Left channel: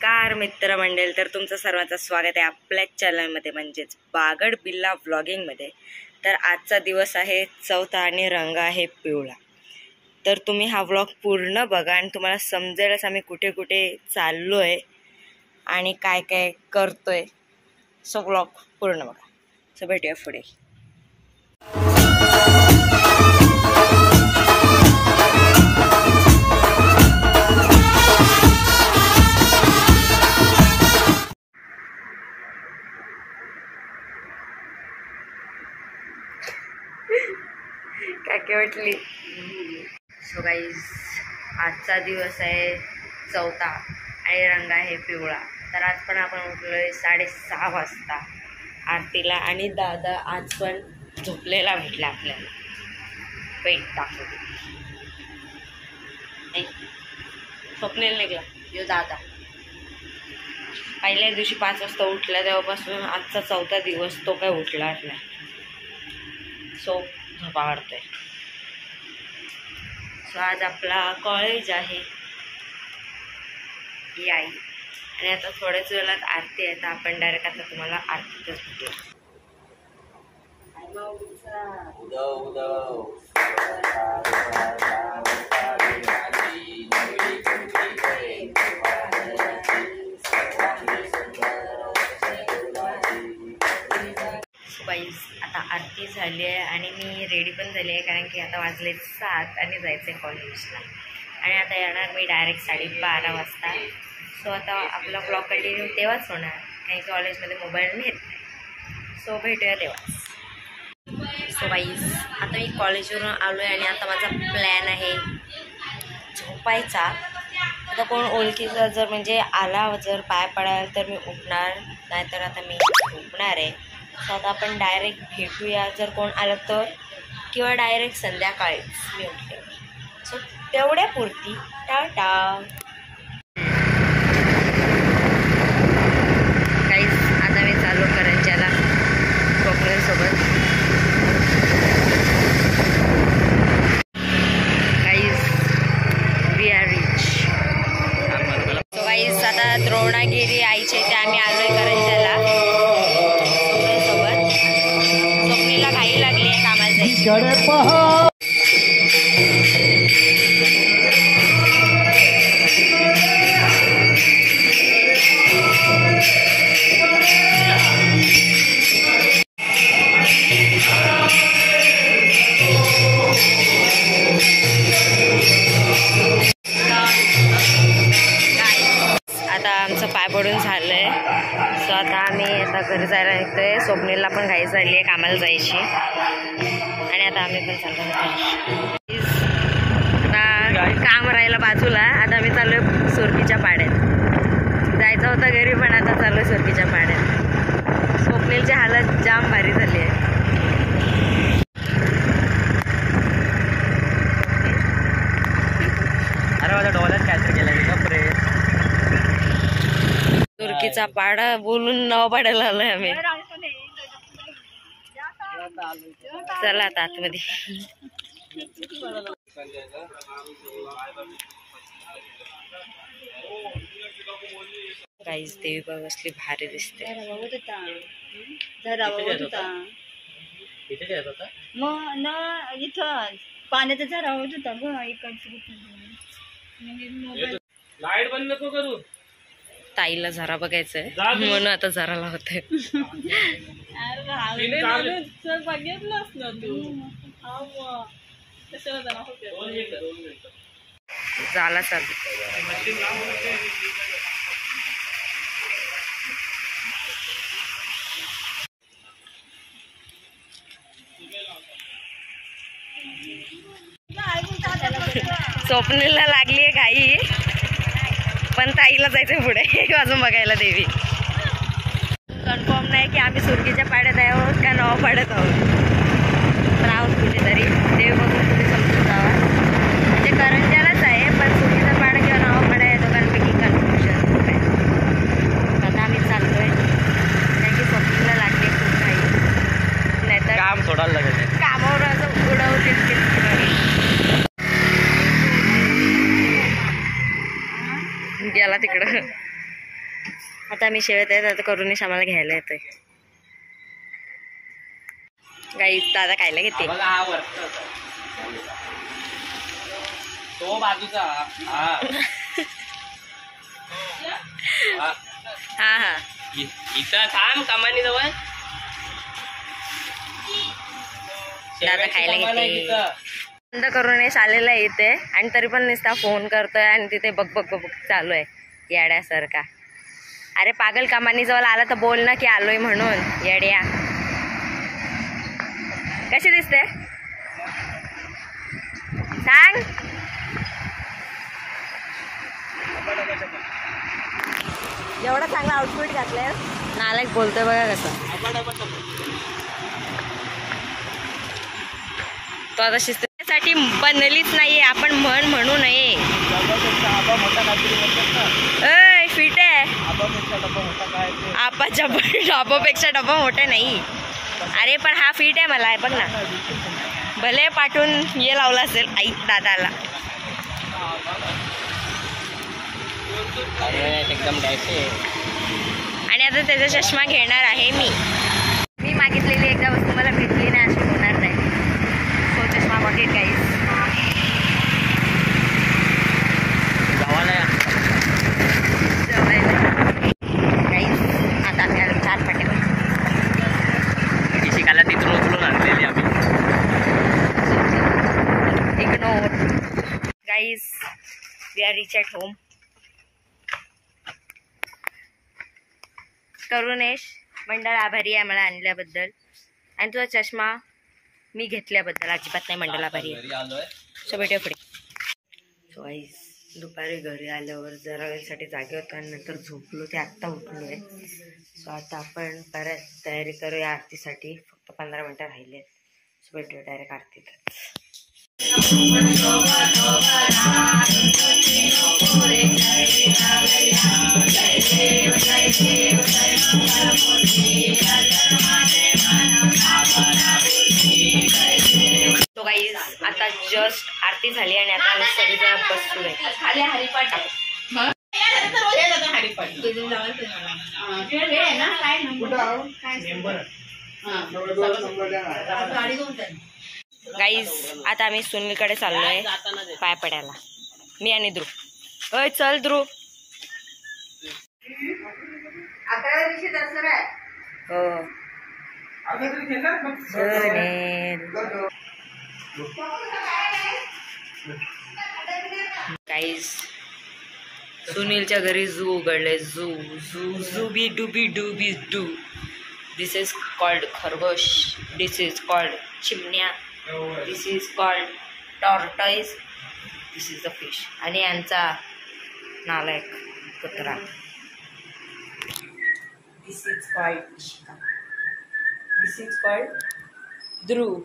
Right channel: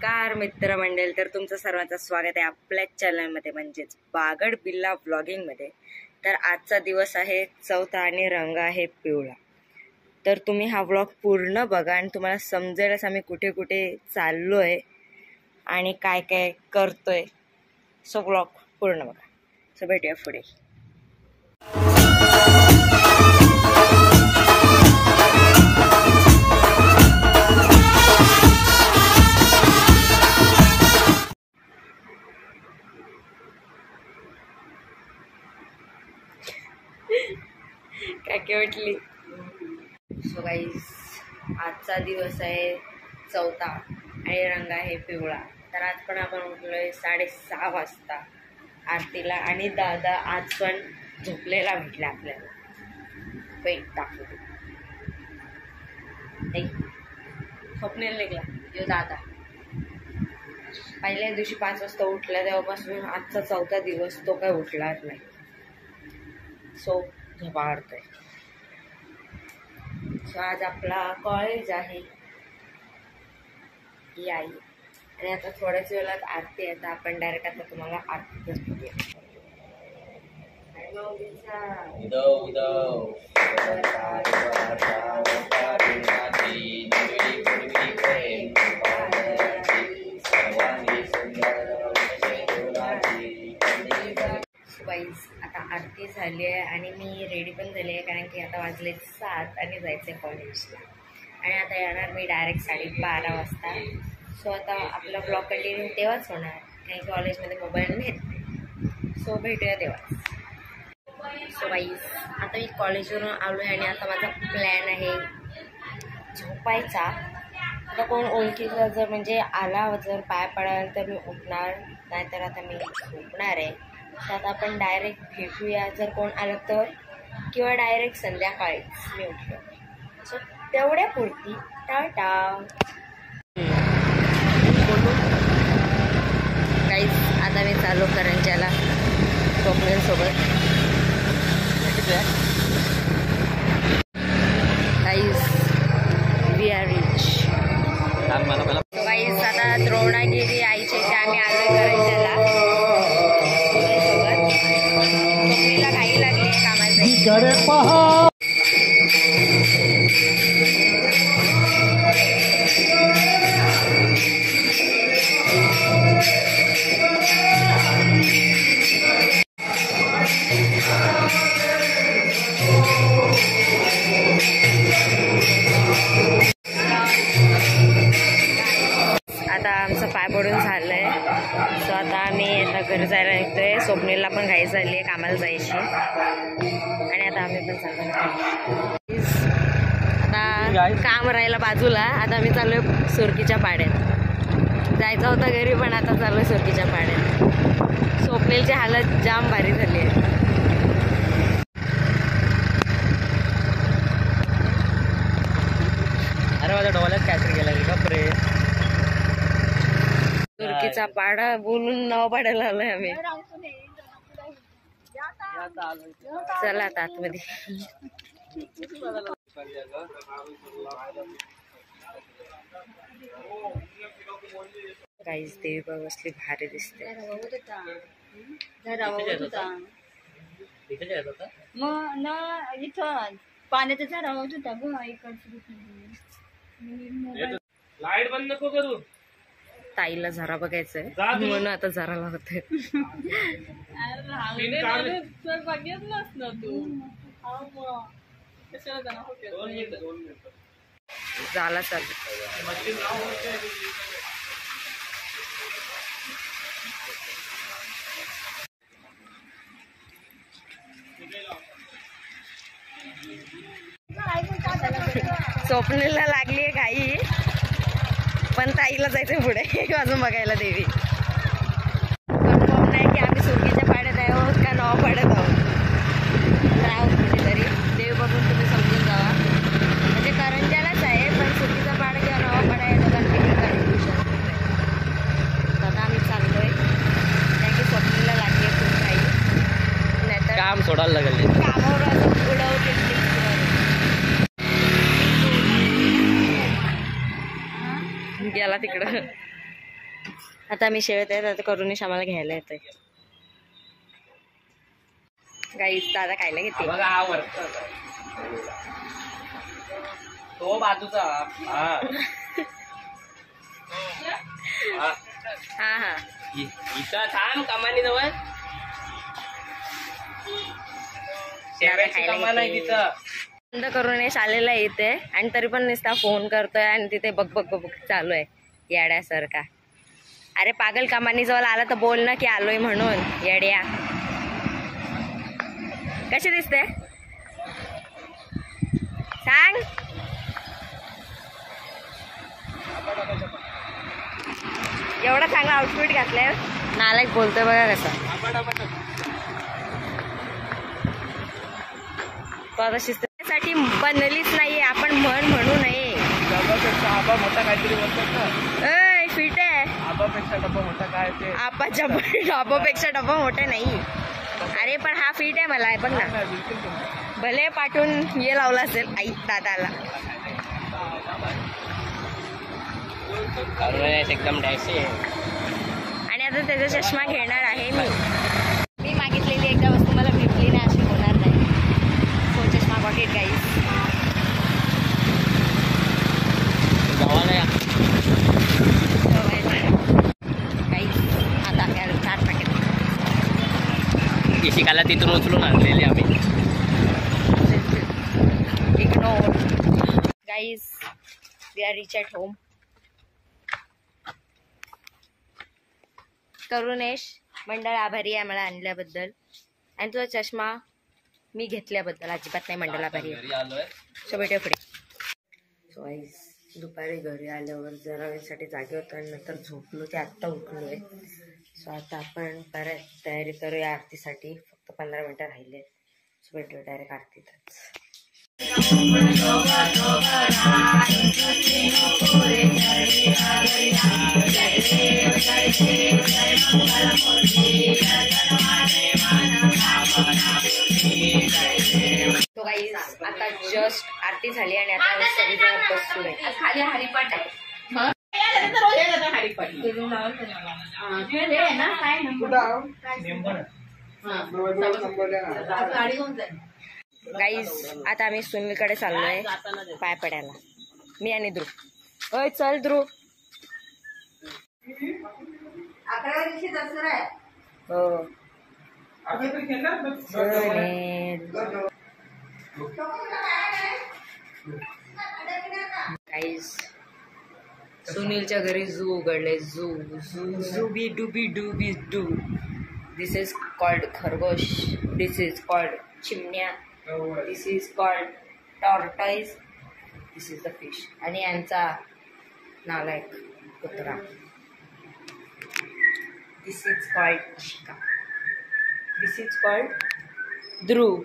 नमस्कार मित्रमंडळ, तर तुमचं सर्वांचं स्वागत आहे आपल्या चॅनलमध्ये म्हणजेच बागड बिल्ला व्लॉगिंगमध्ये। तर आजचा दिवस आहे चौथा आणि रंग आहे पिवळा। तर तुम्ही हा व्लॉग पूर्ण बघा आणि तुम्हाला समजेलच आम्ही कुठे कुठे चाललोय आणि काय काय करतोय। सो व्लॉग पूर्ण बघा। सो भेटूया पुढे। काय वाटली। सो गाईज, आजचा दिवस आहे चौथा आणि रंग आहे पिवळा। तर आज पण आपण उठलोय 6:30 वाजता आरतीला आणि दादा आज पण झोपलेला भेटला आपल्याला। वेट दाखवते, झोपलेला निघला यो दादा। पहिल्या दिवशी 5 वाजता उठला, तेव्हापासून आजचा चौथा दिवस तो काय उठलाच नाही। सो झोपा काढतोय। सो आज आपला कॉलेज आहे ही आई, आणि आता थोड्याच वेळात आरती आहे। तर आपण डायरेक्ट आता तुम्हाला आरतीतच भेटूया। आता आरती झाली आहे आणि मी रेडी पण झाली आहे, कारण की आता वाजले 7 आणि जायचं आहे कॉलेजला। आणि आता येणार मी डायरेक्ट 12:30 वाजता। सो आता आपला ब्लॉग कंटिन्यू तेव्हाच होणार, कारण की कॉलेजमध्ये मोबाईल नेत नाही। सो भेटूया तेव्हाच। सो गाईज, आता मी कॉलेजवरून आलो आहे आणि आता माझा प्लॅन आहे झोपायचा। आता कोण ओळखीचा जर म्हणजे आला, जर पाय पडायला तर मी उठणार, नाहीतर आता मी झोपणार आहे। सो आता आपण डायरेक्ट भेटूया जर कोण आलं तर, किंवा डायरेक्ट संध्याकाळीच मी उठले। सो तेवढ्यापुरती टाटा। गाईज, आता मी चालू करंजाला स्वप्नीलसोबत। Guys, we are reach. So guys, आता द्रोणागिरी आईचे ते आम्ही आलोय करंजाला सोबत। स्वप्नीला घाई लागली आहे कामाला जायची। आता आमचं पाय पडून झालंय। सो आता आम्ही आता घरी जायला निघतोय। स्वप्नीलला पण घाई झाली आहे कामाला जायची, आणि आता आम्ही पण चाललो। आता काम राहिलं बाजूला, आता आम्ही चाललोय सुरकीच्या पाड्यात। जायचं होतं घरी, पण आता चाललोय सुरकीच्या पाड्यात। स्वप्नीलची हालत जाम भारी झाली आहे। अरे माझ्या डोळ्यात कॅन्सर केलाय बापरे। तुर्कीचा पाडा बोलून नाव पाडायला आलोय आम्ही। चला आता आतमध्ये। काहीच देवी बाग असली भारी दिसते। इथं पाण्याचा झरा होत होता ग। लाईट बंद नको करू। ताईला झरा बघायचंय म्हणून आता झरा लावतोय। बघितलंच ना तू। झाला चालू। स्वप्नीला लागली आहे घाई, पण ताईला जायचंय पुढे अजून बघायला देवी। कन्फर्म नाही की आम्ही सुरकीच्या पाड्यात आहोत का नवा पाड्यात आहोत, तर आहोत कुठेतरी। देवी बघून तुम्ही समजून जावा, म्हणजे करंजालाच आहे, पण सुरकीचा पाडा किंवा नवा पाडा या दोघांपैकी कन्फ्युजन होत आहे। आता आम्ही चाललोय, कारण की स्वप्नीला लागली खूप घाई, नाहीतर काम सोडायला लागेल। कामावर असं उडवतील। गेला तिकडं। आता आम्ही शेवत आहेत, आता करूनच आम्हाला घ्यायला येतोय. गाईस दादा खायला घेते. तो बाजूचा हा हा इथं थांब कमानी जवळ दादा खायला घेते. बंद करूनच आलेला आहे इथे आणि तरी पण नुसता फोन करतोय आणि तिथे बघ बघ बघ चालू आहे येड्यासारखा. अरे पागल कमानी जवळ आला तर बोल ना की आलोय म्हणून. येड्या कशी दिसते सांग. एवढा चांगला आउटफिट घातलाय नालायक बोलतोय बघा कसं. तो आता शिस्तीसाठी बनलीच नाहीये, आपण म्हणू नये. मोठा काहीतरी बोलतात ना. अय फिट आहे. आबापेक्षा डब्बा मोठा काय ते. डाबापेक्षा डब्बा मोठा नाही. अरे पण हा फिट आहे मला बघ ना. भले पाठवून ये लावला असेल आई दादाला. एकदम डॅशी. आणि आता त्याचा चष्मा घेणार आहे मी मागितलेली एकदा वस्तू मला भेटली नाही अशी होणार नाही. तो चष्मा बघेल गाईस. गाईस आता आम्ही आलो 4 पाट्या. शिकायला तिथून उचलून आणलेली आम्ही. Ignore guys, we are reach at home. Karunesh मंडळ आभारी आहे मला आणल्याबद्दल आणि तुझा चष्मा मी घेतल्याबद्दल अजिबात नाही मंडळ आभारी आहे. सो भेटूया पुढे. सो गाईस दुपारी घरी आल्यावर जरा वेळसाठी जागे होतो आणि नंतर झोपलो ते आत्ता उठलो आहे. सो आता आपण परत तयारी करूया आरतीसाठी. फक्त 15 मिनटं राहिले. सो भेटूया डायरेक्ट आरतीतच. तो गाईज आता जस्ट आरती झाली आणि आता आम्ही सगळेजण बसलो आहे. खाली हरिपाठ गाईज. आता आम्ही सुनीलकडे चाललोय पाय पडायला. मी आणि ध्रुव. अय चल ध्रुव. हो गाईज सुनीलच्या घरी झू उघडले. झू बी डू. दिस इज कॉल्ड खरगोश. दिस इज कॉल्ड चिमण्या. This is called tortoise. This is the fish. आणि यांचा नालायक कुत्रा. This is called Chika. This is called Dhruv.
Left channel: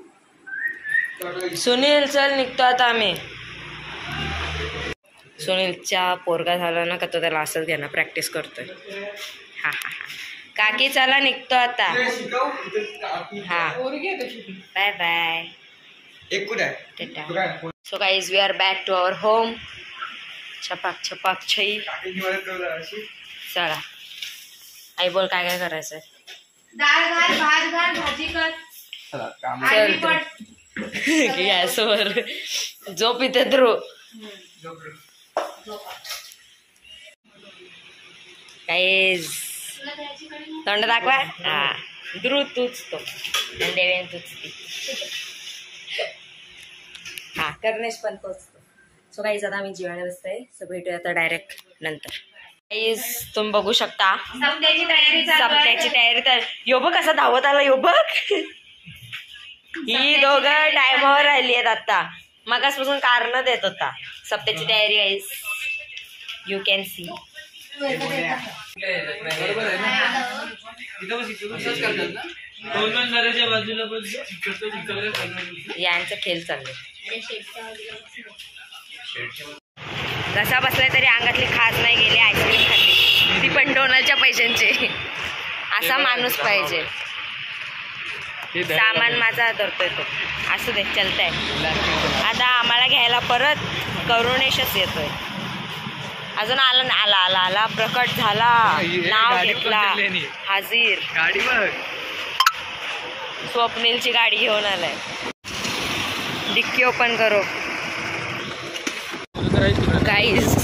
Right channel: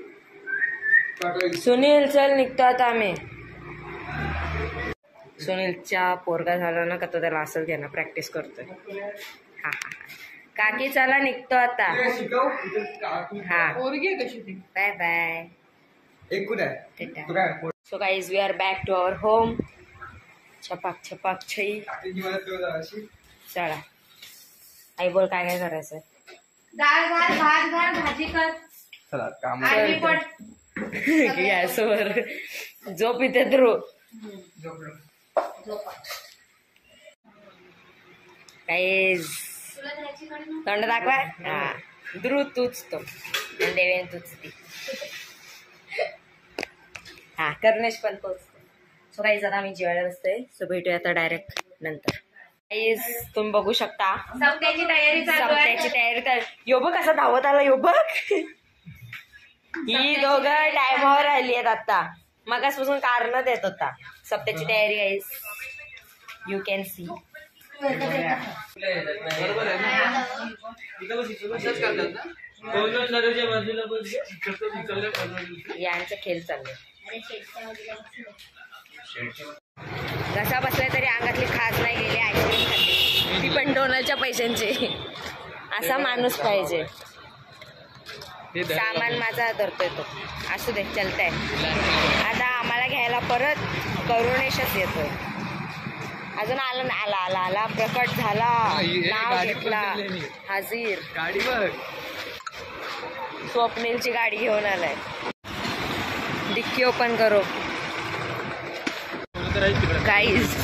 Sunil चल निघतो आता आम्ही. सुनीलचा पोरगा झाला ना का तो त्याला असंच घेणं प्रॅक्टिस करतोय. हा हा हा काकी चला निघतो आता. हा bye bye. So guys we are back to our home. छपाक छई. चला आई बोल काय काय करायचंय. डाळ घाल, भात घाल, भाजी कर. गॅसवर झोप इथे ध्रुव. गाईज तोंड दाखवा. हा ध्रुव तूच तो आणि देवेन तूच ती. हा करनेश पण तोच. सो गाईज आता आम्ही जेवायला बसतोय. सो भेटूया आता डायरेक्ट नंतर. गाईज तुम्ही बघू शकता सप्त्याची तयारी तर यो बघ कसा धावत आला. यो बघ ही दोघं टायमावर राहिली आहेत आता. मगासपासून कारण देत होता. सप्त्याची तयारी गाईज यू कॅन सी. यांचं खेळ चाललंय. घसा बसलाय तरी अंगातली खाज नाही गेली. आईस्क्रीम खाल्ली ती पण डोनलच्या पैशांची. असा माणूस पाहिजे. सामान माझा धरतोय तो. असू दे चलतंय. आता आम्हाला घ्यायला परत करुणेशच येतोय. अजून आला ना, आला आला आला प्रकट झाला, नाव घेतला, हाजीर. गाडी बघ, स्वप्नीलची गाडी घेऊन आलाय. डिक्की ओपन करो गाईज.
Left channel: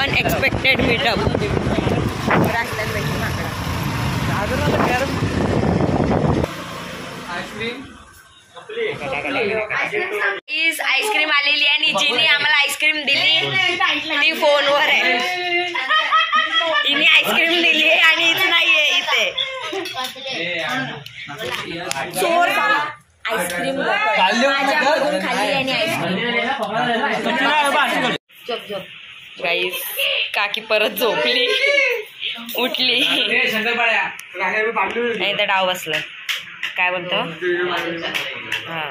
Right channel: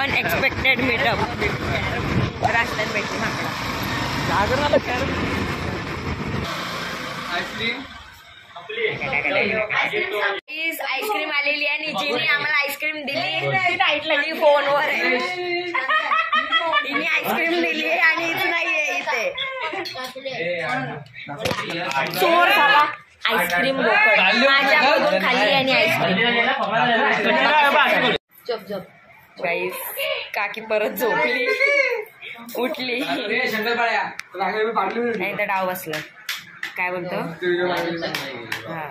Unexpected meetup. आईस्क्रीम आलेली आणि जिने आम्हाला आईस्क्रीम दिली ती फोनवर आहे. हिने आईस्क्रीम दिली आणि इथे नाहीये इथे. चोर झाला. आईस्क्रीम माझ्याकडून खाल्ली आणि आईस्क्रीम. गाईस काकी परत झोपली, उठली नाही तर डाव बसलाय. काय बोलतो हा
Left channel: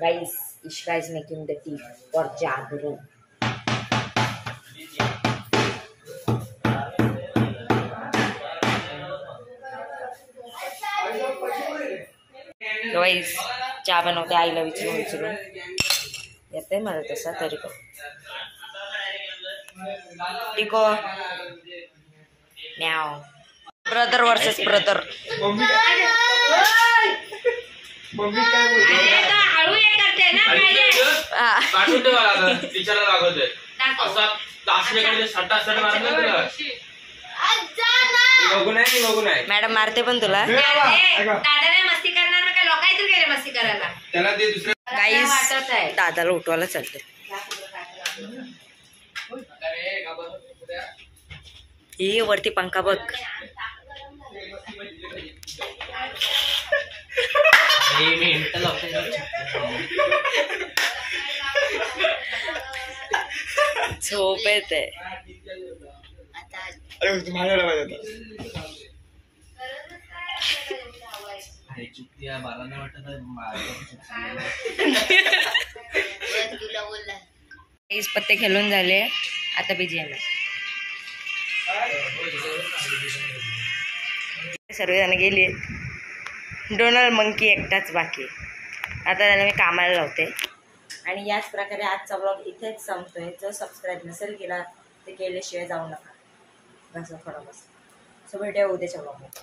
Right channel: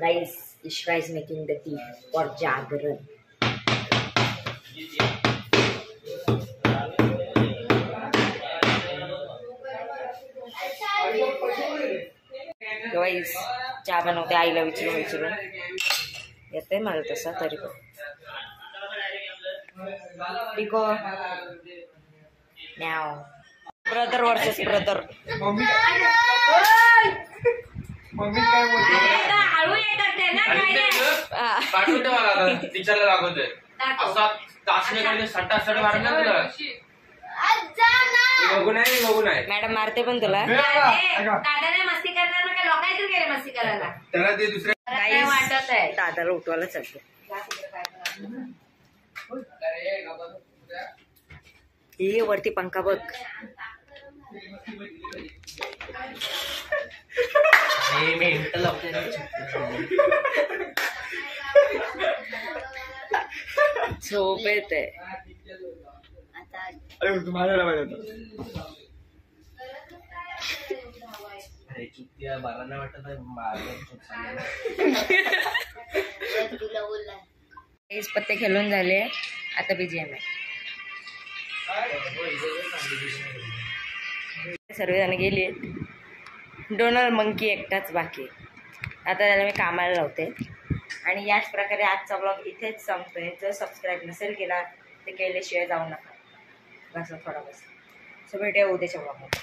guys. Ishka is making the tea for jagran. Guys चहा बनवते आईला विचारून येते मला तसा तरी पण. टिको न्याव. Brother versus brother. मॅडम मारते पण तुला. दादाला उठवायला चालते. हे वरती पंखा बघ. झोप येते. पत्ते खेळून झाले. आता BGM आहे. सर्वजण गेली. डोनाल्ड मंकी एकटाच बाकी. आता त्याला मी कामाला लावते. आणि याच प्रकारे आजचा ब्लॉग इथेच संपतोय. जर सबस्क्राईब नसेल केला ते केल्याशिवाय जाऊ नका. बस थोडा बस. सो भेटूया उद्याच्या ब्लॉगमध्ये.